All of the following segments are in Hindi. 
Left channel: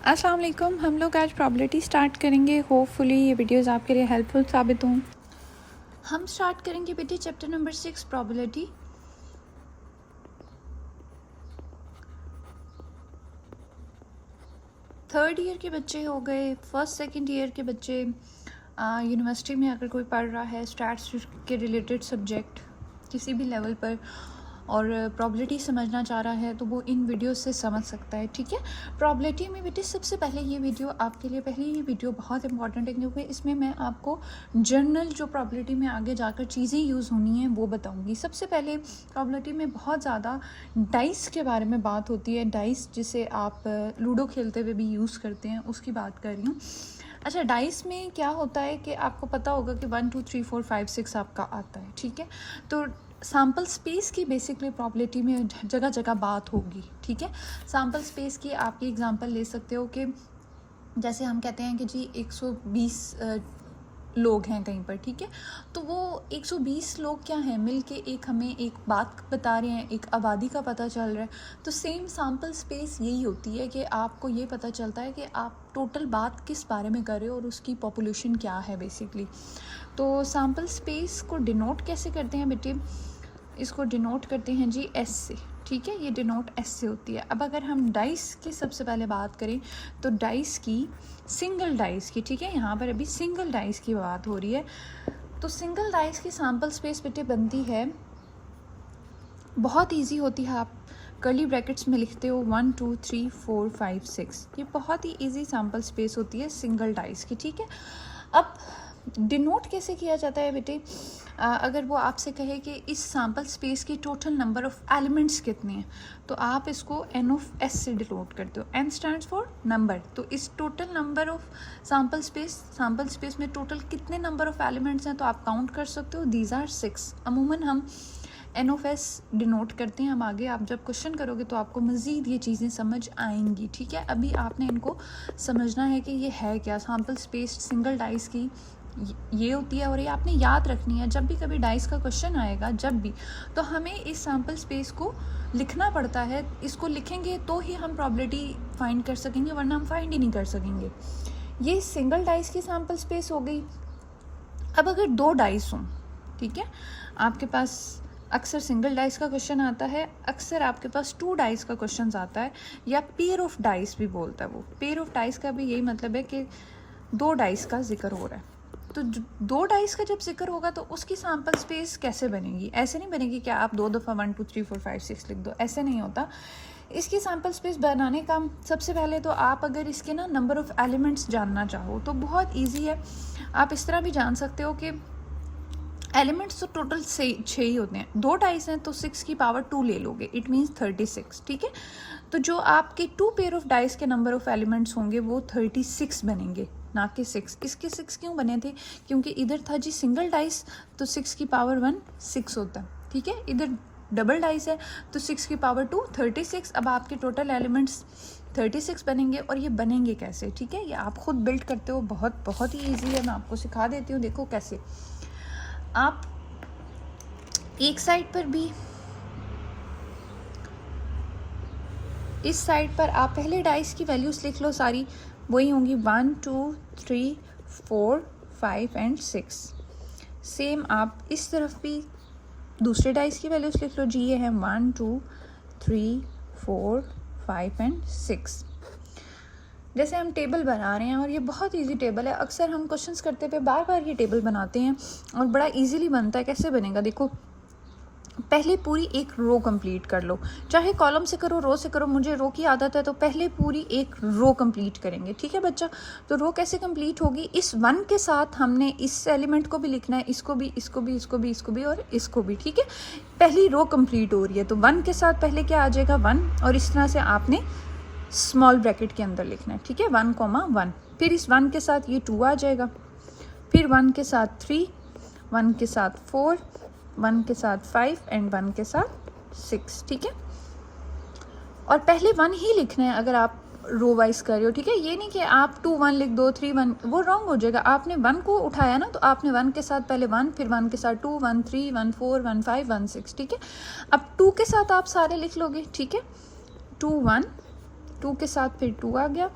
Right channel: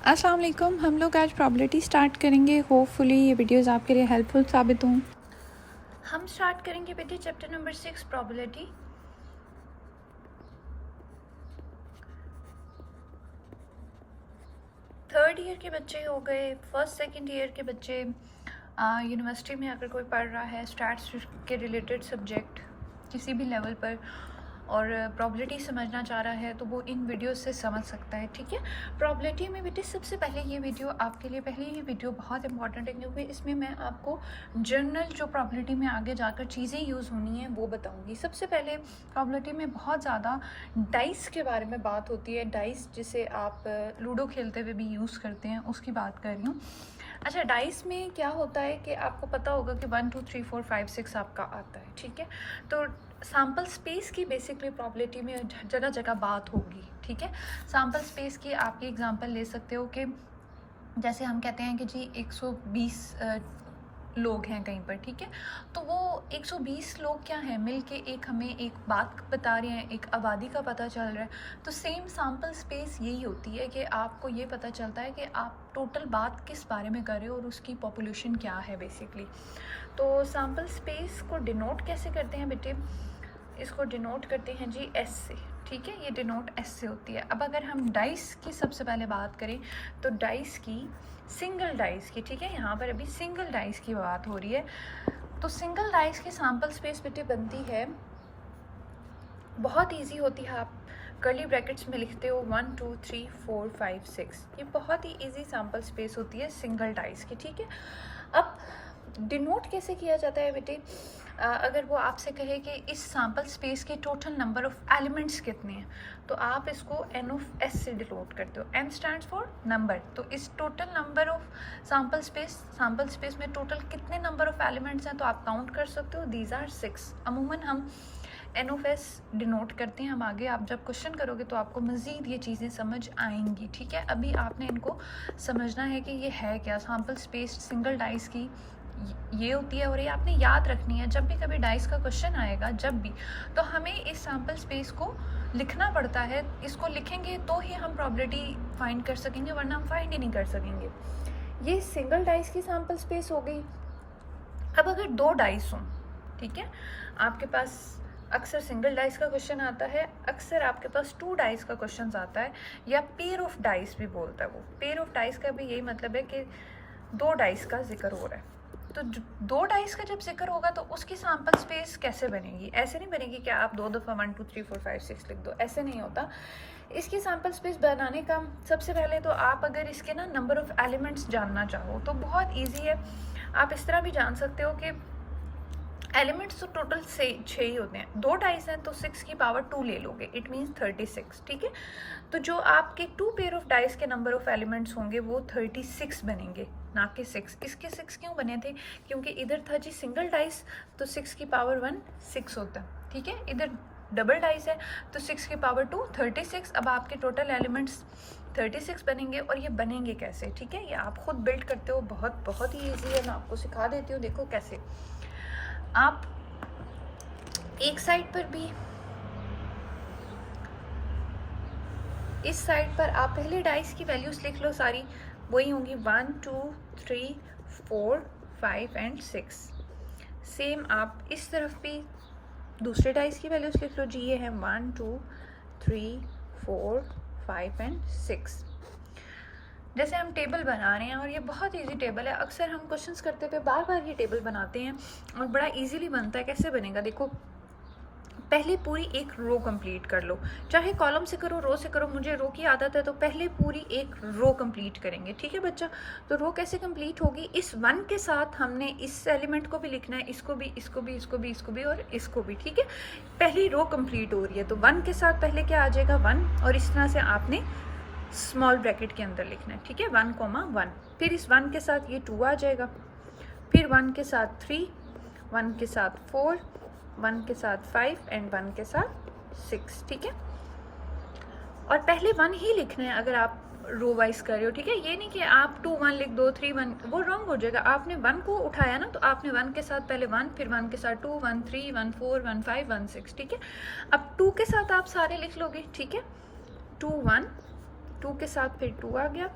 अस्सलाम वालेकुम। हम लोग आज प्रॉबिलिटी स्टार्ट करेंगे। होपफुली ये वीडियोस आपके लिए हेल्पफुल साबित हों। हम स्टार्ट करेंगे बेटे chapter number 6 probability. Third year के बच्चे हो गए, फर्स्ट सेकंड ईयर के बच्चे, यूनिवर्सिटी में अगर कोई पढ़ रहा है स्टैट्स के रिलेटेड सब्जेक्ट किसी भी लेवल पर और प्रॉबिलिटी समझना चाह रहा है तो वो इन वीडियो से समझ सकता है। ठीक है, प्रॉबिलिटी में बेटे सबसे पहले ये वीडियो आपके लिए, पहले ये वीडियो बहुत इंपॉर्टेंट है क्योंकि इसमें मैं आपको जनरल जो प्रॉबिलिटी में आगे जाकर चीज़ें यूज़ होनी है वो बताऊंगी। सबसे पहले प्रॉबिलिटी में बहुत ज़्यादा डाइस के बारे में बात होती है। डाइस जिसे आप लूडो खेलते हुए भी यूज़ करते हैं उसकी बात कर रही हूँ। अच्छा, डाइस में क्या होता है कि आपको पता होगा कि 1 2 3 4 5 6 आपका आता है। ठीक है, तो सैम्पल स्पेस की बेसिकली प्रॉबिलिटी में जगह जगह बात होगी। ठीक है, सैम्पल स्पेस की आपकी एग्जांपल ले सकते हो कि जैसे हम कहते हैं कि जी 120 लोग हैं कहीं पर। ठीक है, तो वो 120 लोग क्या हैं, मिल के एक हमें एक बात बता रहे हैं, एक आबादी का पता चल रहा है। तो सेम सैम्पल स्पेस यही होती है कि आपको ये पता चलता है कि आप टोटल बात किस बारे में कर रहे हो और उसकी पॉपुलेशन क्या है बेसिकली। तो सैम्पल स्पेस को डिनोट कैसे करते हैं बेटे, इसको डिनोट करते हैं जी एस से। ठीक है, ये डिनोट एस से होती है। अब अगर हम डाइस की सबसे पहले बात करें तो डाइस की, सिंगल डाइस की, ठीक है, यहाँ पर अभी सिंगल डाइस की बात हो रही है। तो सिंगल डाइस की सैम्पल स्पेस बेटे बनती है, बहुत इजी होती है। आप कर्ली ब्रैकेट्स में लिखते हो 1 2 3 4 5 6, ये बहुत ही इजी सैम्पल स्पेस होती है सिंगल डाइस की। ठीक है, अब डिनोट कैसे किया जाता है बेटे, अगर वो आपसे कहे कि इस सैम्पल स्पेस के टोटल नंबर ऑफ एलिमेंट्स कितने हैं तो आप इसको एन ऑफ एस से डिनोट करते हो। N stands for number. तो इस total number of sample space में टोटल कितने नंबर ऑफ एलिमेंट्स हैं तो आप काउंट कर सकते हो, दीज आर 6। अमूमन हम एन ऑफ एस डिनोट करते हैं। हम आगे आप जब क्वेश्चन करोगे तो आपको मज़ीद ये चीज़ें समझ आएंगी। ठीक है, अभी आपने इनको समझना है कि ये है क्या। सैम्पल स्पेस सिंगल डाइस की ये होती है और ये आपने याद रखनी है। जब भी कभी डाइस का क्वेश्चन आएगा जब भी, तो हमें इस सैम्पल स्पेस को लिखना पड़ता है। इसको लिखेंगे तो ही हम प्रॉबिलिटी फाइंड कर सकेंगे, वरना हम फाइंड ही नहीं कर सकेंगे। ये सिंगल डाइस की सैम्पल स्पेस हो गई। अब अगर 2 डाइस हों, ठीक है, आपके पास अक्सर सिंगल डाइस का क्वेश्चन आता है, अक्सर आपके पास 2 डाइस का क्वेश्चन आता है, या पेयर ऑफ डाइस भी बोलता है वो। पेयर ऑफ डाइस का भी यही मतलब है कि 2 डाइस का जिक्र हो रहा है। तो 2 डाइस का जब जिक्र होगा तो उसकी सैम्पल स्पेस कैसे बनेगी, ऐसे नहीं बनेगी कि आप 2 दफ़ा 1 2 3 4 5 6 लिख दो, ऐसे नहीं होता। इसकी सैम्पल स्पेस बनाने का सबसे पहले तो आप अगर इसके ना नंबर ऑफ़ एलिमेंट्स जानना चाहो तो बहुत ईजी है। आप इस तरह भी जान सकते हो कि एलिमेंट्स तो टोटल 6 ही होते हैं। 2 डाइस हैं तो 6 की पावर 2 ले लोगे, इट मीन्स 36। ठीक है, तो जो आपके 2 पेयर ऑफ डाइस के नंबर ऑफ एलिमेंट्स होंगे वो 36 बनेंगे, ना कि 6। इसके 6 क्यों बने थे, क्योंकि इधर था जी सिंगल डाइस तो 6 की पावर 1 6 होता। ठीक है, इधर डबल डाइस है तो 6 की पावर 2 36। अब आपके टोटल एलिमेंट्स 36 बनेंगे। और ये बनेंगे कैसे, ठीक है, ये आप खुद बिल्ड करते हो, बहुत ही ईजी है। मैं आपको सिखा देती हूँ, देखो कैसे। आप एक साइड पर भी, इस साइड पर आप पहले डाइस की वैल्यूज़ लिख लो, सारी वही होंगी 1 2 3 4 5 एंड 6। सेम आप इस तरफ भी दूसरे डाइस की वैल्यूज़ लिख लो जी, ये है 1 2 3 4 5 एंड 6। जैसे हम टेबल बना रहे हैं और ये बहुत इजी टेबल है, अक्सर हम क्वेश्चंस करते हुए बार बार ये टेबल बनाते हैं और बड़ा इजीली बनता है। कैसे बनेगा देखो, पहले पूरी एक रो कंप्लीट कर लो, चाहे कॉलम से करो रो से करो, मुझे रो की आदत है तो पहले पूरी एक रो कंप्लीट करेंगे। ठीक है बच्चा, तो रो कैसे कंप्लीट होगी, इस 1 के साथ हमने इस एलिमेंट को भी लिखना है, इसको भी, इसको भी, इसको भी, इसको भी और इसको भी। ठीक है, पहली रो कंप्लीट हो रही है तो 1 के साथ पहले क्या आ जाएगा 1, और इस तरह से आपने स्मॉल ब्रैकेट के अंदर लिखना है। ठीक है, 1 1, फिर इस 1 के साथ ये 2 आ जाएगा, फिर 1 के साथ 3, 1 के साथ 4, 1 के साथ 5 एंड 1 के साथ 6। ठीक है, और पहले 1 ही लिखना है अगर आप रो वाइज कर रहे हो। ठीक है, ये नहीं कि आप 2 1 लिख दो 3 1, वो रॉन्ग हो जाएगा। आपने 1 को उठाया ना, तो आपने 1 के साथ पहले 1, फिर 1 के साथ 2 1 3 1 4 1 5 1 6। ठीक है, अब 2 के साथ आप सारे लिख लोगे। ठीक है, 2 1, 2 के साथ फिर 2 आ गया,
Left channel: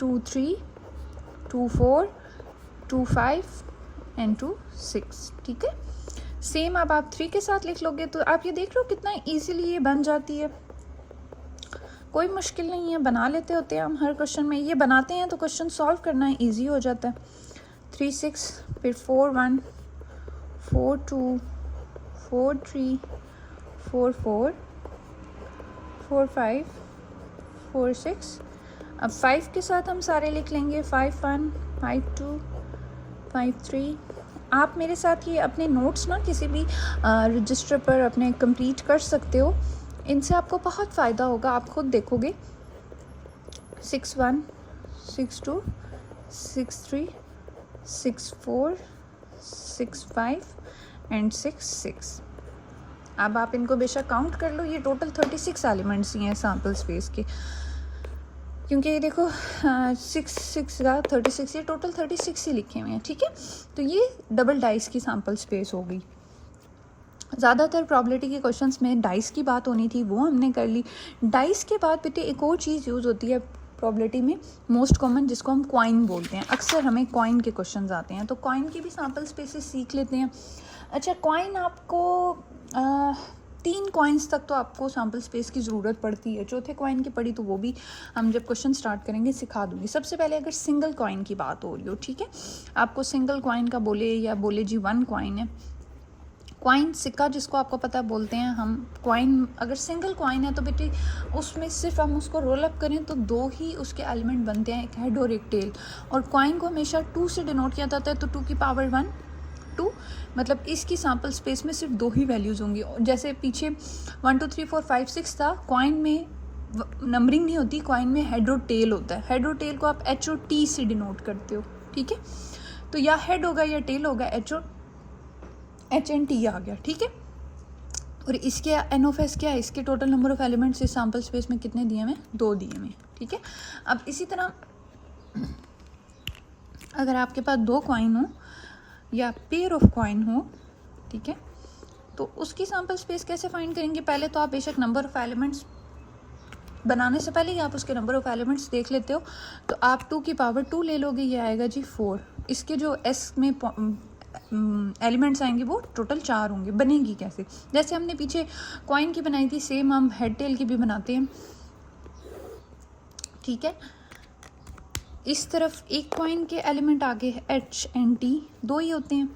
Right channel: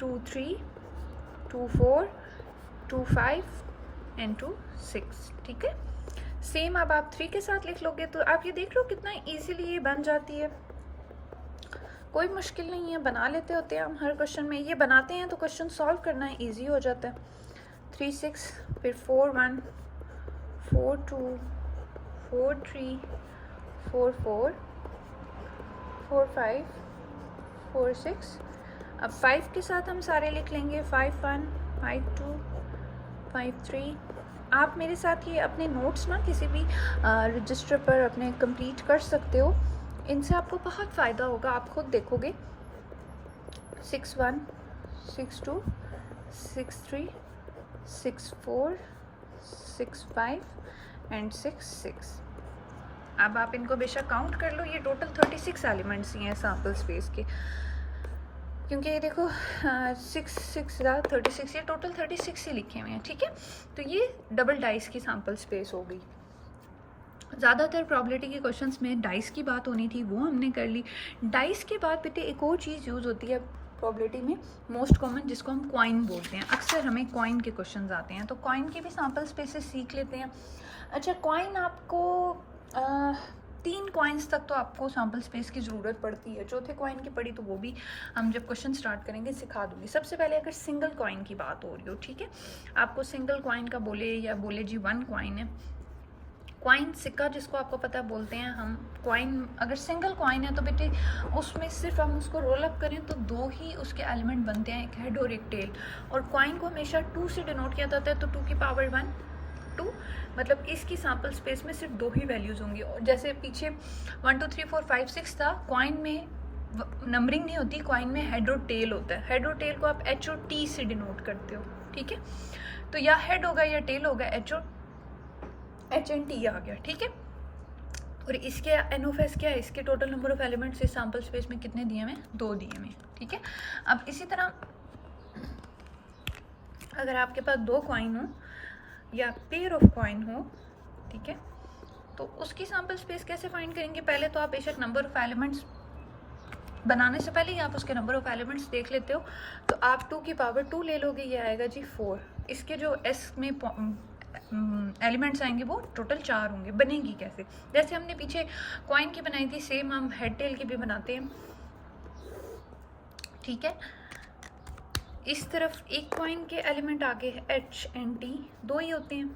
2 3 2 4 2 5 एंड 2 6, ठीक है। सेम अब आप 3 के साथ लिख लोगे तो आप ये देख रहे हो कितना इजीली ये बन जाती है, कोई मुश्किल नहीं है, बना लेते होते हैं हम हर क्वेश्चन में, ये बनाते हैं तो क्वेश्चन सॉल्व करना ईजी हो जाता है। 3 6 फिर 4 1 4 2 4 3 4 4 4 5 4 6। अब 5 के साथ हम सारे लिख लेंगे, 5 1 5 2 5 3। आप मेरे साथ ये अपने नोट्स ना किसी भी रजिस्टर पर अपने कंप्लीट कर सकते हो, इनसे आपको बहुत फ़ायदा होगा, आप खुद देखोगे। 6 1 6 2 6 3 6 4 6 5 एंड 6 6। अब आप इनको बेशक काउंट कर लो, ये टोटल 36 एलिमेंट्स ही हैं सैम्पल स्पेस के, क्योंकि ये देखो 6 6 36, ये टोटल 36 ही लिखे हुए हैं, ठीक है। तो ये डबल डाइस की सैम्पल स्पेस हो गई। ज़्यादातर प्रॉबिलिटी के क्वेश्चंस में डाइस की बात होनी थी, वो हमने कर ली। डाइस के बाद बेटे एक और चीज़ यूज़ होती है प्रॉबिलिटी में, मोस्ट कॉमन, जिसको हम कॉइन बोलते हैं। अक्सर हमें कॉइन के क्वेश्चंस आते हैं, तो कॉइन की भी सैम्पल स्पेसेस सीख लेते हैं। अच्छा, कॉइन आपको 3 कॉइन्स तक तो आपको सैम्पल स्पेस की ज़रूरत पड़ती है, चौथे कॉइन की पड़ी तो वो भी हम जब क्वेश्चन स्टार्ट करेंगे सिखा दूँगी। सबसे पहले अगर सिंगल कॉइन की बात हो रही हो, ठीक है, आपको सिंगल कॉइन का बोले या बोले जी 1 कॉइन है, कॉइन सिक्का जिसको आपको पता है बोलते हैं हम। कॉइन अगर सिंगल कॉइन है तो बेटे उसमें सिर्फ हम उसको रोल अप करें तो 2 ही उसके एलिमेंट बनते हैं, एक हेड और एक टेल, और कॉइन को हमेशा 2 से डिनोट किया जाता है, तो 2 की पावर 1 2, मतलब इसकी सैम्पल स्पेस में सिर्फ 2 ही वैल्यूज़ होंगी। जैसे पीछे 1 2 3 4 5 6 था, कॉइन में नंबरिंग नहीं होती, कॉइन में हेड और टेल होता है। हेड और टेल को आप H और T से डिनोट करते हो, ठीक है। तो या हेड होगा या टेल होगा, H एंड T आ गया, ठीक है। और इसके NF क्या है, इसके टोटल नंबर ऑफ एलिमेंट्स इस सैम्पल स्पेस में कितने दिए हुए, 2 दिए हुए, ठीक है। अब इसी तरह अगर आपके पास 2 कॉइन हो या पेयर ऑफ कॉइन हो, ठीक है, तो उसकी सैम्पल स्पेस कैसे फाइंड करेंगे। पहले तो आप बेशक नंबर ऑफ एलिमेंट्स बनाने से पहले ही आप उसके नंबर ऑफ एलिमेंट्स देख लेते हो, तो आप 2 की पावर 2 ले लोगे, ये आएगा जी 4। इसके जो S में एलिमेंट्स आएंगे वो टोटल 4 होंगे। बनेगी कैसे, जैसे हमने पीछे कॉइन की बनाई थी, सेम हम हेड टेल की भी बनाते हैं, ठीक है। इस तरफ एक कॉइन के एलिमेंट आगे है H एंड T, 2 ही होते हैं।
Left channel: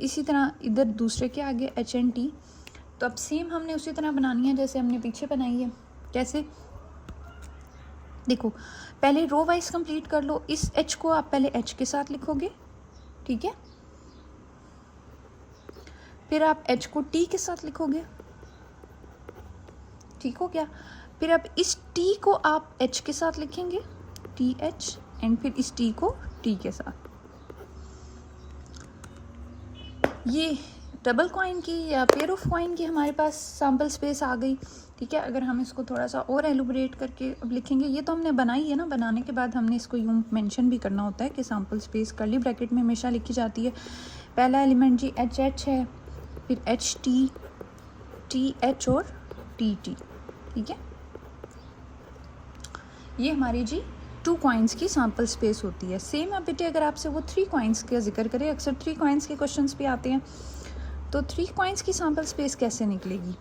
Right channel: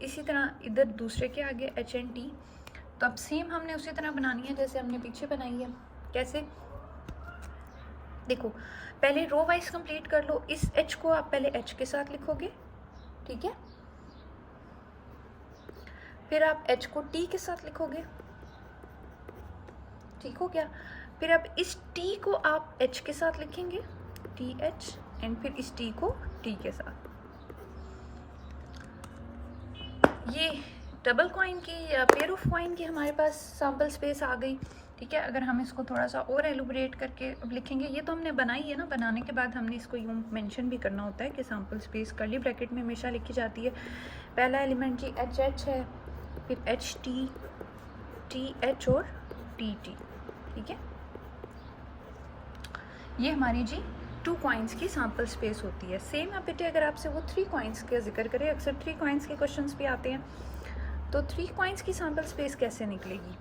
इसी तरह इधर दूसरे के आगे H एंड T। तो अब सेम हमने उसी तरह बनानी है जैसे हमने पीछे बनाई है। कैसे, देखो पहले रो वाइज कंप्लीट कर लो। इस H को आप पहले H के साथ लिखोगे, ठीक है, फिर आप H को T के साथ लिखोगे, ठीक हो गया। फिर अब इस T को आप H के साथ लिखेंगे, TH, एंड फिर इस T को T के साथ। ये डबल कॉइन की या पेयर ऑफ कॉइन की हमारे पास सैम्पल स्पेस आ गई, ठीक है। अगर हम इसको थोड़ा सा और एलुबरेट करके अब लिखेंगे, ये तो हमने बनाई है ना, बनाने के बाद हमने इसको यूँ मेंशन भी करना होता है कि सैम्पल स्पेस कर्ली ब्रैकेट में हमेशा लिखी जाती है। पहला एलिमेंट जी HH है, फिर HT, TH और TT, ठीक है। ये हमारी जी 2 कॉइन्स की सैम्पल स्पेस होती है। सेम है बेटे अगर आपसे वो 3 कॉइन्स का जिक्र करें, अक्सर 3 कॉइन्स के क्वेश्चंस भी आते हैं, तो 3 कॉइन्स की सैम्पल स्पेस कैसे निकलेगी,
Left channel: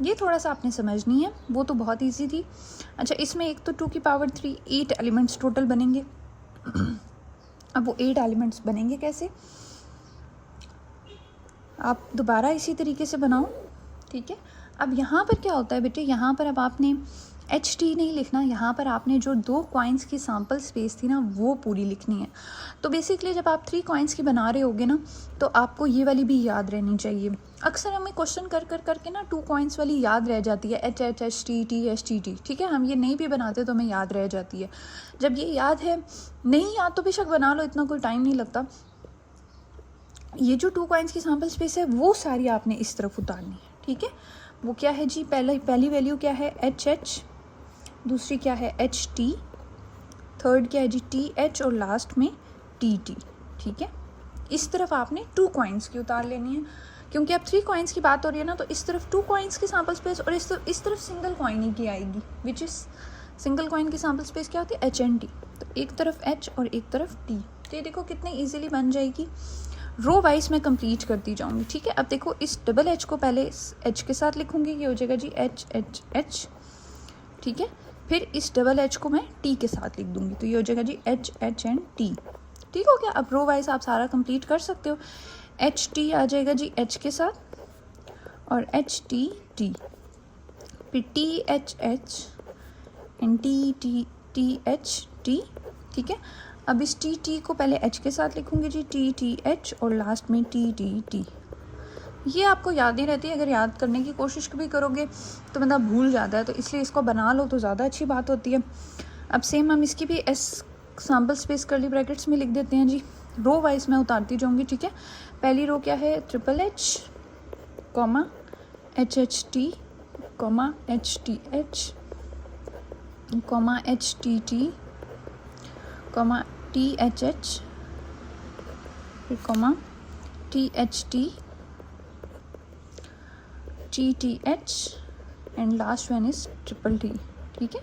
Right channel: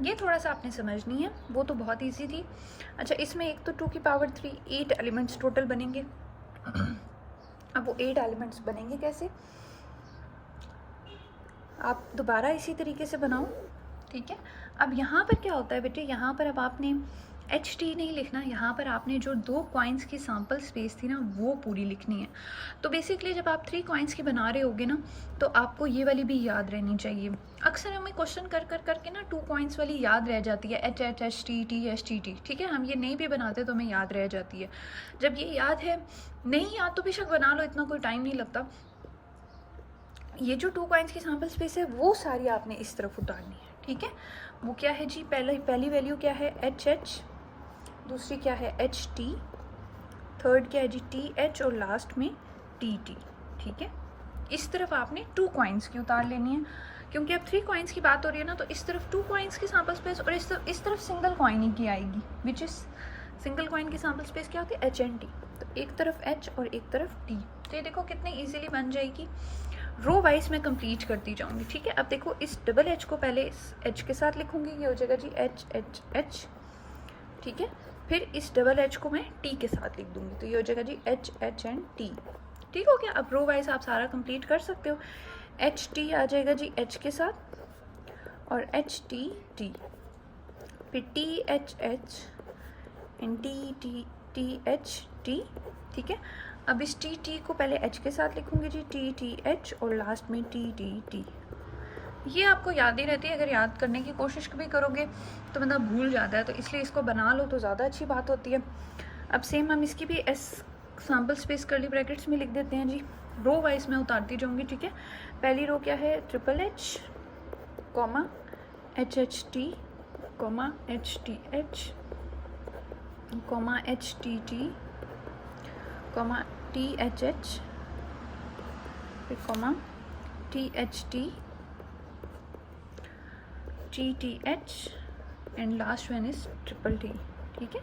ये थोड़ा सा आपने समझनी है, वो तो बहुत इजी थी। अच्छा, इसमें एक तो 2 की पावर 3 8 एलिमेंट्स टोटल बनेंगे। अब वो 8 एलिमेंट्स बनेंगे कैसे, आप दोबारा इसी तरीके से बनाओ, ठीक है। अब यहाँ पर क्या होता है बेटे, यहाँ पर अब आपने HT नहीं लिखना, यहाँ पर आपने जो 2 कॉइन्स की सैम्पल स्पेस थी ना वो पूरी लिखनी है। तो बेसिकली जब आप 3 कॉइन्स की बना रहे होगे ना, तो आपको ये वाली भी याद रहनी चाहिए। अक्सर हमें क्वेश्चन कर करके ना 2 कॉइन्स वाली याद रह जाती है, HH HT TH TT, ठीक है। हम ये नहीं भी बनाते तो हमें याद रह जाती है। जब ये याद है, नहीं याद तो बेशक बना लो, इतना कोई टाइम नहीं लगता। ये जो 2 कॉइन्स की सैम्पल स्पेस है वो सारी आपने इस तरफ उतारनी है, ठीक है। वो क्या है जी, पहली वैल्यू क्या है HH, दूसरी क्या है HT, थर्ड क्या है जी TH, और लास्ट में TT, ठीक है। इस तरफ आपने 2 कॉइन्स की उतार लेनी है, क्योंकि अब 3 कॉइन्स की बात हो रही है ना, तो इस तरफ 2 कॉइन्स की सैम्पल स्पेस और इस तरफ सिंगल कॉइन ही की आएगी, विच इज़ सिंगल कॉइन की सैम्पल स्पेस क्या होती है, एच एंड टी, तो एक तरफ एच और एक तरफ टी। तो ये देखो कितने ईजिली बन जाएगी, रो वाइज में कंप्लीट करती जाऊंगी, ठीक है। अब देखो इस डबल एच को पहले इस एच के साथ लिखूंगी, ये हो जाएगा जी एच एच एच, ठीक है। फिर इस डबल एच को मैं टी के साथ लिख दूंगी, तो ये हो जाएगा जी एच एच एंड टी, ठीक हो गया। अब रो वाइज आप सारा कंप्लीट कर सकते हो। एच टी आ जाएगा जी एच के साथ और एच टी टी, फिर T H H and T T T H T, ठीक है। अब इस टी टी को पहले एच के साथ लिखूंगी जी टी टी एच और लास्ट में टी टी टी। ये आपको याद ही रहती है, अगर याद करने की कोशिश भी करोगे तो बंदा भूल जाता है, तो इसलिए इसको बना लो तो ज़्यादा अच्छी बात होती है। अब सेम हम इसकी भी S sample space curly brackets में लिख देते हैं जी। रो वाइज मैं उतारती जाऊंगी, ठीक है। पहली रो क्या है, triple H comma H H T comma H T H comma H T T comma T H H, फिर comma T H T T T H and last one is triple T, ठीक है।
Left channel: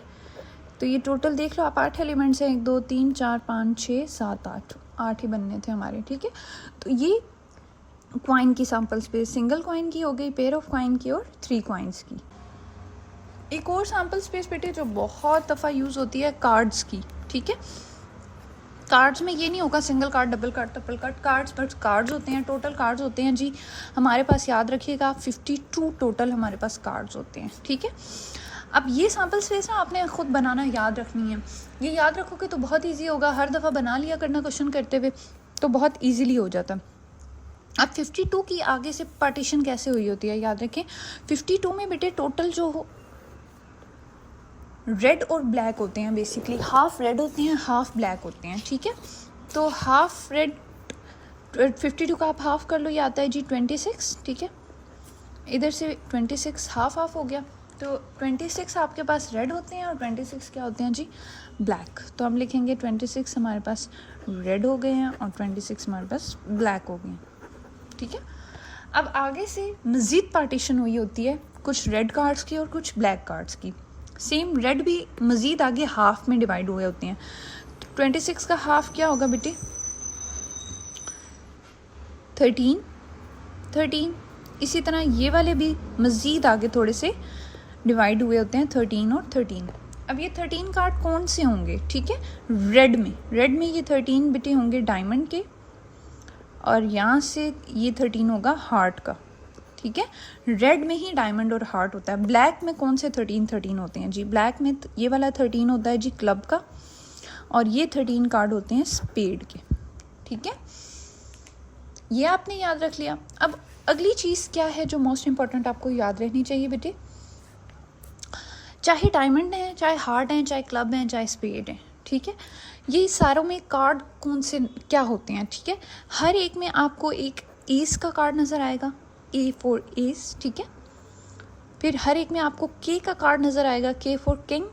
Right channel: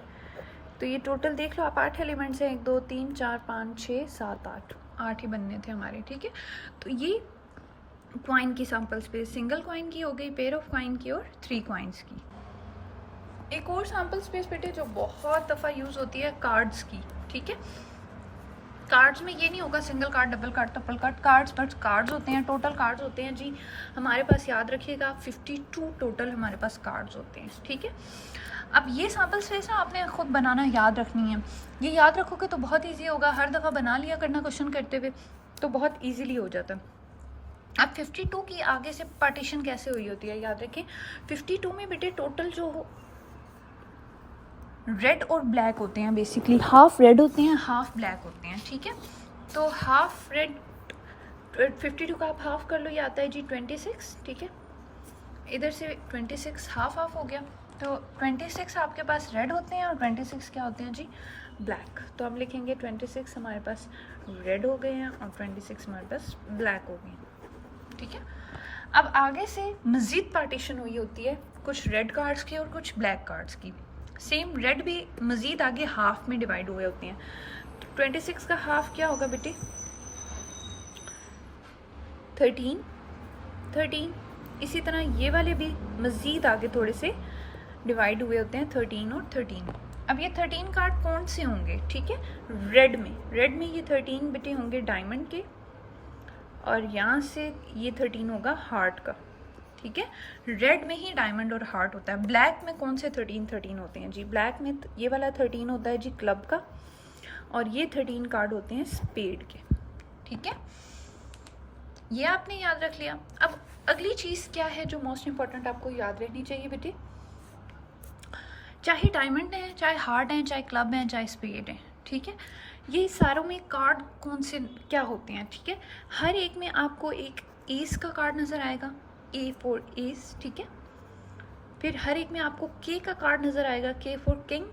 तो ये टोटल देख लो आप 8 एलिमेंट्स हैं, 1 2 3 4 5 6 7 8 ही बनने थे हमारे, ठीक है। तो ये क्वाइन की सैम्पल स्पेस सिंगल क्वाइन की हो गई, पेयर ऑफ क्वाइन की और 3 क्वाइंस की। एक और सैम्पल स्पेस बेटे जो बहुत दफ़ा यूज़ होती है कार्ड्स की, ठीक है। कार्ड्स में ये नहीं होगा single card double card triple card, cards but cards होते हैं, टोटल कार्ड्स होते हैं जी हमारे पास, याद रखिएगा 52 टोटल हमारे पास कार्ड्स होते हैं, ठीक है। अब ये सैम्पल स्पेस ना आपने खुद बनाना याद रखनी है, ये याद रखोगे तो बहुत ईजी होगा, हर दफ़ा बना लिया करना क्वेश्चन करते हुए तो बहुत ईजीली हो जाता। अब 52 की आगे से पार्टीशन कैसे हुई होती है, याद रखें 52 में बेटे टोटल जो रेड और ब्लैक होते हैं, बेसिकली हाफ रेड होते हैं हाफ ब्लैक होते हैं, ठीक है। तो हाफ रेड 52 का आप हाफ कर लो, ये आता है जी 26, ठीक है। इधर से 26 हाफ हाफ हो गया, तो 26 आपके पास रेड होते हैं और 26 क्या होते हैं जी ब्लैक। तो हम लिखेंगे 26 हमारे पास रेड हो गए हैं और 26 हमारे पास ब्लैक हो गए हैं, ठीक है। अब आगे से मज़ीद पार्टीशन हुई होती है कुछ रेड कार्ड्स की और कुछ ब्लैक कार्ड्स की। सेम रेड भी मज़ीद आगे हाफ में डिवाइड हुए होती हैं, तो 26 का हाफ क्या होगा बेटी 13। इसी तरह ये वाले भी मज़ीद आगे थोड़े से डिवाइड हुए होते हैं 13 और 13। अब ये 13 कार्ड कौन से होंगे, ठीक है। रेड में ये 13 बेटे होंगे डायमंड के, और यहाँ से ये 13 होगा हार्ट का, ठीक है। रेड में ही डायमंड और हार्ट होता है। ब्लैक में कौन से 13 होते हैं जी, ब्लैक में ये वाला 13 होता है जी क्लब का, और ये 13 कार्ड होते हैं स्पेड के, ठीक है। ये आपने याद रख लिया। अब अगली चीज़ क्या है जो मोस्ट इम्पॉर्टेंट आपको याद रखनी चाहिए बेटे, चाहे डायमंड है, चाहे हार्ट है, चाहे क्लब है, चाहे स्पेड है, ठीक है। ये सारों में कार्ड कौन से क्या होते हैं, ठीक है। हर एक में आपको एक एस का कार्ड नज़र आएगा, ए फॉर एस, ठीक है। फिर हर एक में आपको के का कार्ड नज़र आएगा, के फॉर किंग।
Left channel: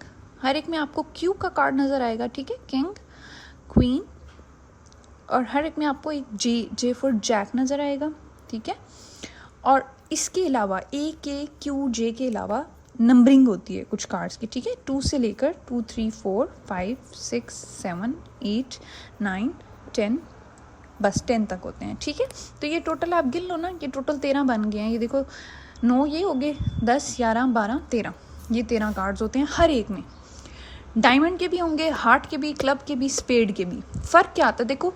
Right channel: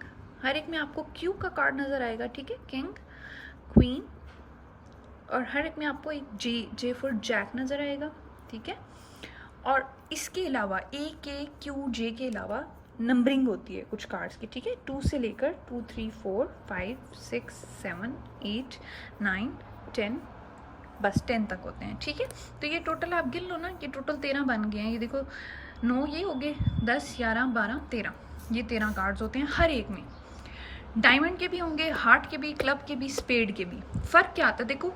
हर एक में आपको क्यू का कार्ड नज़र आएगा, ठीक है, किंग क्वीन। और हर एक में आपको एक जे फॉर जैक नज़र आएगा, ठीक है। और इसके अलावा ए के क्यू जे के अलावा नंबरिंग होती है कुछ कार्ड्स की, ठीक है। 2 से लेकर 2 3 4 5 6 7 8 9 10, बस 10 तक होते हैं, ठीक है। तो ये टोटल आप गिन लो ना, ये टोटल 13 बन गए हैं। ये देखो 9 ये हो गए, 10 11 12 13, ये 13 कार्ड्स होते हैं हर एक में। डायमंड के भी होंगे, हार्ट के भी, क्लब के भी, स्पेड के भी। फ़र्क क्या आता है देखो,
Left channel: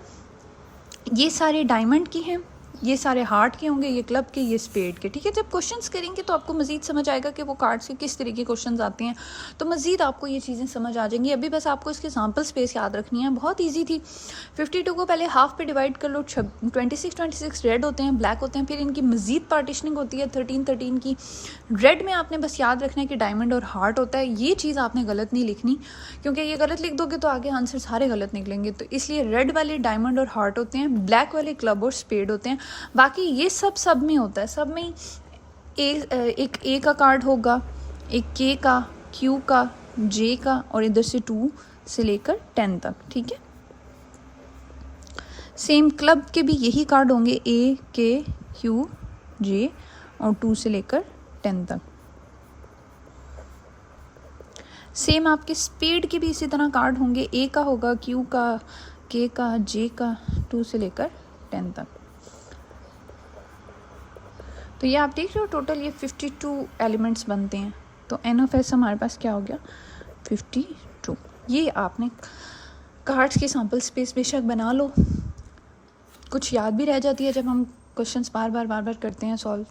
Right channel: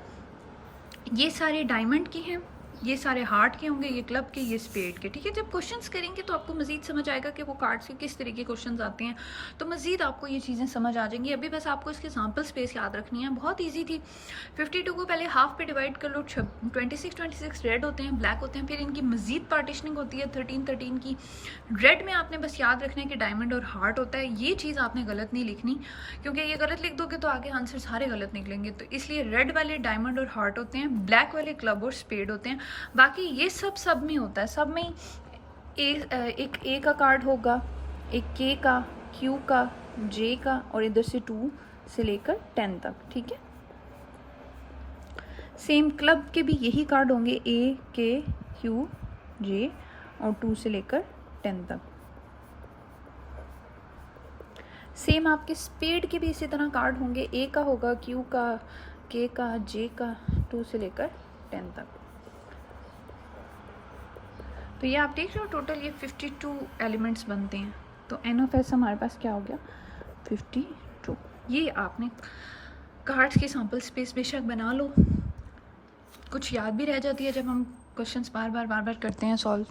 ये सारे डायमंड की हैं, ये सारे हार्ट के होंगे, ये क्लब के, ये स्पेड के, ठीक है। जब क्वेश्चंस करेंगे तो आपको मज़ीद समझ आएगा कि वो कार्ड्स के किस तरीके के क्वेश्चंस आते हैं, तो मज़ीद आपको ये चीज़ें समझ आ जाएंगी। अभी बस आपको इसकी सैम्पल स्पेस याद रखनी है, बहुत ईजी थी। 52 को पहले हाफ पे डिवाइड कर लो, 26 रेड होते हैं, ब्लैक होते हैं, फिर इनकी मज़ीद पार्टीशनिंग होती है 13 की। रेड में आपने बस याद रखना है कि डायमंड और हार्ट होता है, ये चीज़ आपने गलत नहीं लिखनी, क्योंकि ये गलत लिख दोगे तो आगे आंसर सारे गलत निकलेंगे। तो इसलिए रेड वाले डायमंड और हार्ट होते हैं, ब्लैक वाले क्लब और स्पेड होते हैं। बाकी ये सब में होता है, सब में एक ए का कार्ड होगा, एक के का, क्यू का, जे का, और इधर से 2 से लेकर 10 तक, ठीक है। सेम क्लब के भी यही कार्ड होंगे, ए के क्यू जे और 2 से लेकर 10 तक। सेम आपके स्पीड के भी इसी तरह कार्ड होंगे, ए का होगा, क्यू का, के का, जे का, 2 से लेकर 10 तक। तो ये आप देख रहे हो टोटल ये 52 एलिमेंट्स बनते हैं। तो एन ऑफ एस हमारे पास क्या हो गया 52। ये आपने कार्ड्स की सैम्पल स्पेस बेशक बना लो, कुछ याद भी रह जाती है जब हम क्वेश्चंस बार बार करते हैं सॉल्व।